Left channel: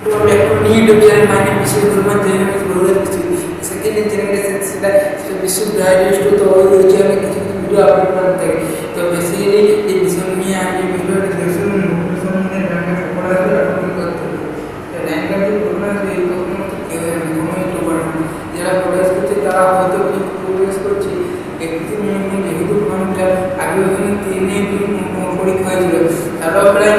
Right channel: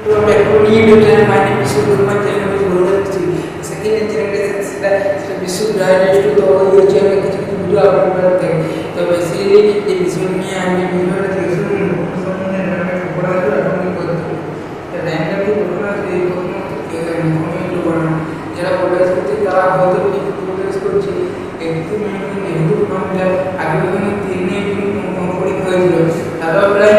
Back to YouTube channel. My name is Vishnu. My channel is Golden Vishnu. Second generation সেটা বিশ্ব digest তো ওই চ্যানেলে কিছু কিছু ভিডিও আপলোড করা থাকে। তো বেসিক্যালি এই বিষয় নিয়ে আমি ভিডিওটা দেখছি সম্বন্ধে জানার পড়া আছে এখন কি করতে হবে। র্যাঙ্কার যে ঘটনা এই প্রথমত কেউ জানে না, কোনো ইউটিউব করে না। যারা প্রোগ্রেস করছে তারা হয়তো ঠিক প্রোগ্রেস করছে। একটি যেহেতু ফর্ম ফিল আপ আগে ওখানে 3 পরীক্ষা হয়েছিল, তারাও প্রায়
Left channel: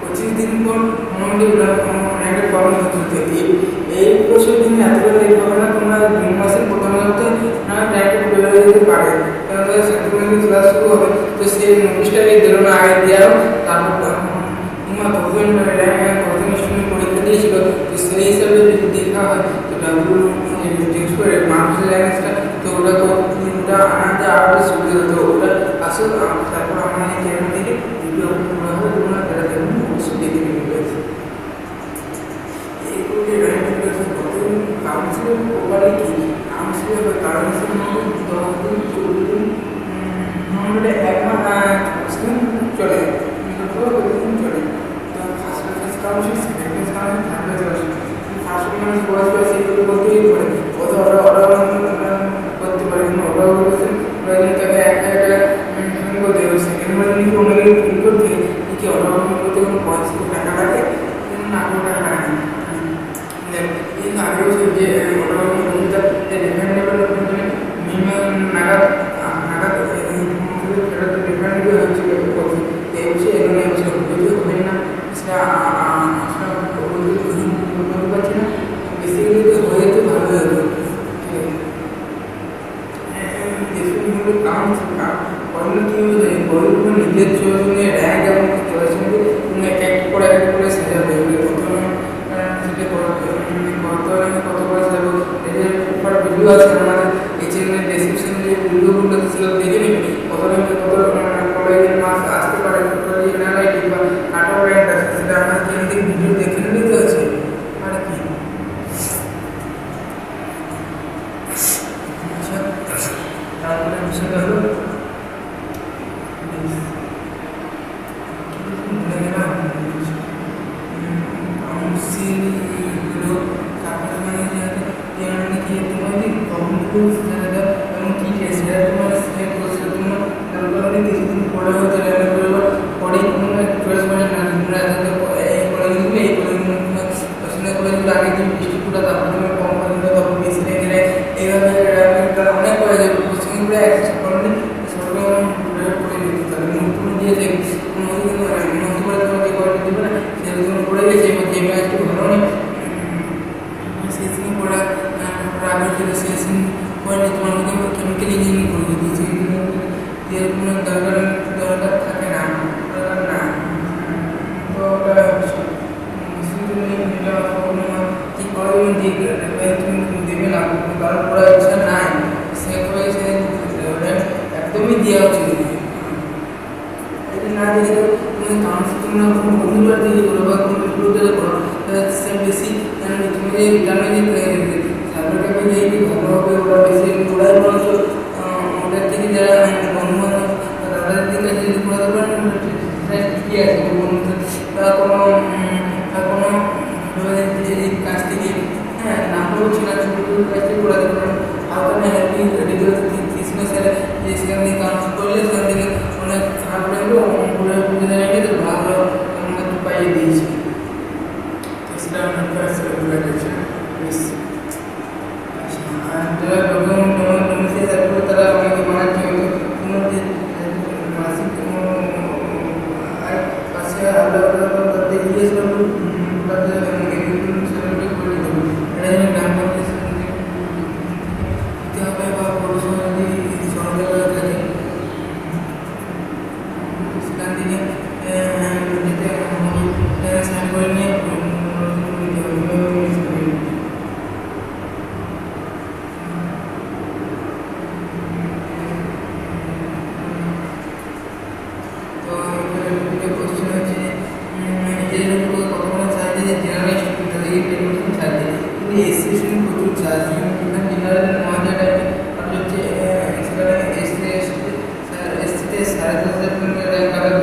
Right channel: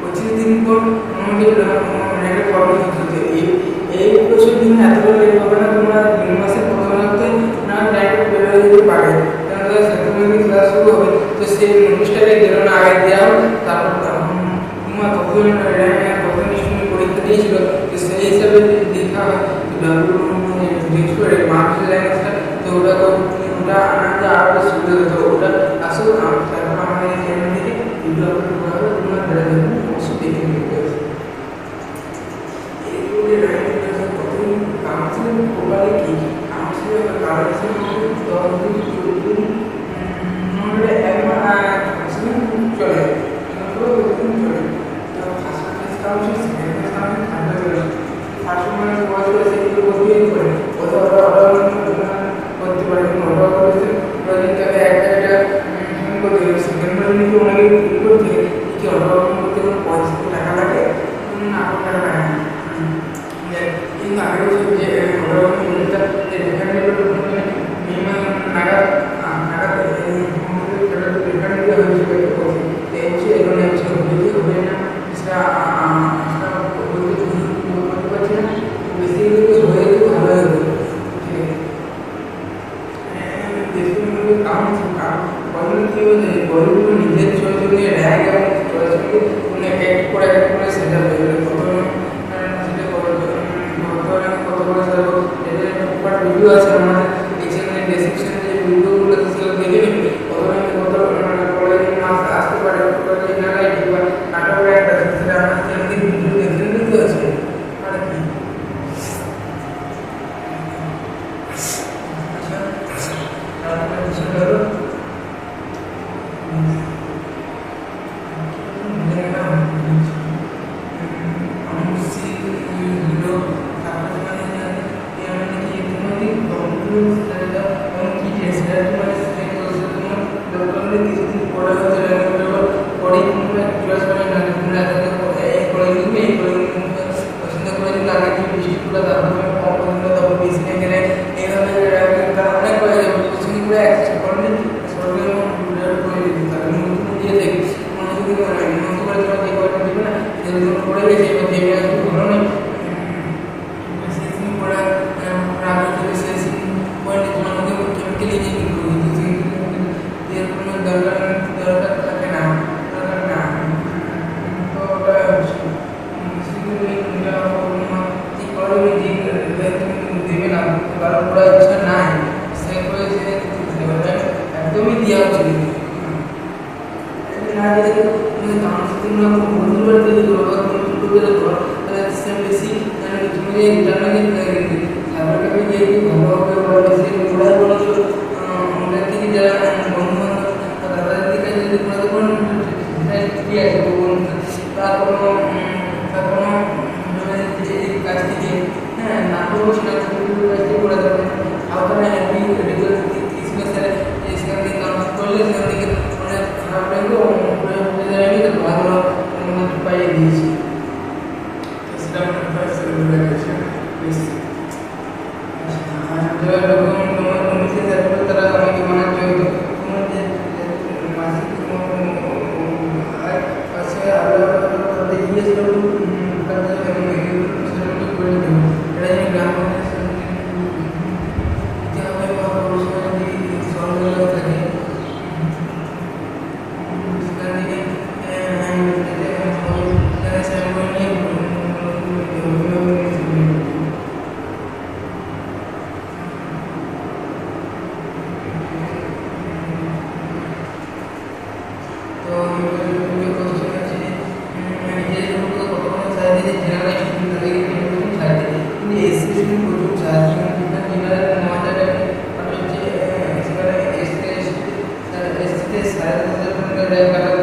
25 দিন পর মোটামুটি র্যাঙ্কের ফর্ম হচ্ছে। এই বছর জন্য এতটা লেট হবে না, তোমরা জুন মাসের প্রথম সপ্তাহে না র্যাঙ্কে বেরোয় যেতে পারে, কারণ তাদের সার্টিফিকেট ক্লাস শুরু হবে। তো সেই নোটিশটাকে দিল না, আগে দেওয়া হোক, তারপর তোমরা কতজন র্যাঙ্ক কতজন স্টুডেন্ট পরীক্ষা দিয়েছিল, তো সেই হিসাবে যদি দেখা হয় তো টেক্সট করে মার্কসের র্যাঙ্কটা, তো ওটা আনাতে আরও সুবিধা হতো। ওটা আসল তারপর আমাদের এই চ্যানেল থেকে ভিডিও আপলোড করা হবে, তোমরা যারা দেখবেন অবশ্যই দেখে নিতে। এইগুলি র্যাঙ্ক কতদিন কাউন্সিলিং প্রপারলি কি কাউন্সিলিং হবে, কারণ হিসেবে 10 দিন 14 দিন এক মাস কাউন্সিলিং চলে, কতদিন চলে। তো first phase council, second phase council, third phase council. First মানে বয়স করে সেগুলো বলতেই পারে, ওরা করতে পারে, কিন্তু ওরা যদি তাকে 1000 টাকা পেমেন্ট করতে হবে। সেকেন্ড বার যদি ওনাকে ফিল করতে কি অর্ডার করতে কোনো টাকা লাগে না, কোনো টাকা লাগে না। কিন্তু আগেও যে অর্ডার করতে রিফান্ডেবল মিনিমাম নাগাদ সেটা তো রিফান্ড দেওয়া হচ্ছে বলছে। তো এই বিষয়ে এখানে যদি হবে না সেটা বলতে পারছি না। বেশি যদি হয়ে তো ভালোই হতো, ঠিক আছে। যেসব বইগুলো কী হয়ে যায়, বইগুলো নিজের চয়েস নিয়ে র্যাঙ্ক এবং চয়েস নিয়ে কোনো এক এক করে সাজাবে। কত সেটা কত র্যাঙ্কে কত করে সাজাবো, এদের প্রপার ভিডিও আছে আমাদের এই চ্যানেলের ডেসক্রিপশনে, যে ভিডিওগুলো সেগুলো দেখে নেবে। কত র্যাঙ্কে কত কলেজের মার্কস আসতে পারে, কত এনআরআইটি বা কাট অফ র্যাঙ্ক আছে, সেটা আমার চ্যানেল থেকে ভিডিও দেখে নিতে আছে আর কি। তারপরে বিষয়টা হলো ভুলে গেলাম আমসিগুলো। তারপরে তোমার কি তোমার যদি কম্পিউটার এবং কি সেটা তোমার সিলেক্ট করছে, তোমার দরকার হলে কিছুদিন পরে হয়তো র্যাঙ্ক বেরোবার পরেই তোমরা চয়েস পাই না, তোমরা এই কলেজ নিবে, এই কলেজ পছন্দ করে যদি আগে তুমি ডিস্ট্রিক্টগুলো, তারপর তোমার কম পছন্দ, তারপর বেশি র্যাঙ্কে নেয়, এইভাবে অনেক করে যাবে। পশ্চিমগুলো অ্যাক্সেস করলে সরকার প্রেয়ার করে দিতে তাহলে নতুন দিয়ে দেবে, কোনো হয়তো কিন্তু নতুন করে তোমার যে কয়টা দেবে না সেগুলো তোমার পড়ে গেছে, এবার দেবে একটু ভালো নেই শেষিং পড়া আগে করে শেষিং পড়লে তোমার হয়তো কেমিক্যাল ইঞ্জিনিয়ারিং করে দিতে, এর কোনো দরকার থাকে না, দরকার না। তো ওটা তুমি এটা ঠিক করে তুমি দেবে না, কারো পড়ার ইচ্ছা নাই, সে করে সে একদমই দেওয়া উচিত না। যদি তুমি তোমরা বন্ধুবার তৈরি করো বা কোনো ভিডিও করো, সে বেশি জানো। তুমি যে জানো যে সাইবার ক্যাফে গিয়ে যে ভালো হবে, ওরা বেশি ওরাই বরঞ্চ ওদের থেকে যারা বন্ধু বান্ধব বা দাদাদের কাছে যদি করাতে পারেন সেটাই ঠিকই আছে। বন্ধু বা কোনো কাছ থেকে না করছি না, কাছ থেকে করাতে পারেন। আওতানা হেল্পিং রেডিকেল কৃষ্ণ স্যারের যে সেখান থেকে কাউন্সিল করলে সেখান থেকে অনেক খারাপ লাগলো, ঘুরে পুজো জানিয়ে তো ভালো পাইয়ে দিয়েছি। তো সেটা অনেক ঘুরে গেছে বেশ। আর যারা ডকুমেন্ট মিশিয়ে থাকবে তারা অনেকে বানাচ্ছে, হয়তো তোমার যে মাসিক পাশে আলাদা তাদের ইএসডব্লিউ সেটা করে নিতে হবে। এটা যেন গ্রাম পঞ্চায়েত দিতে হবে বা পৌরসভা যদি সরকার থাকে সেখান থেকে যেতে হবে, সাইন করে নিয়ে তো কোশ্চেন হচ্ছে নিজেদের উপর কতক্ষণ চার্জ দিয়েছে, জেনারেল স্টুডেন্ট তাদেরকে 10% চার্জ দিয়েছে, কিন্তু এসসি স্টুডেন্ট প্রচুর চার্জ, জেনারেল 9000 টাকা আর হচ্ছে সেখানে এসসিতে 10,500 র্যাঙ্ক কাটার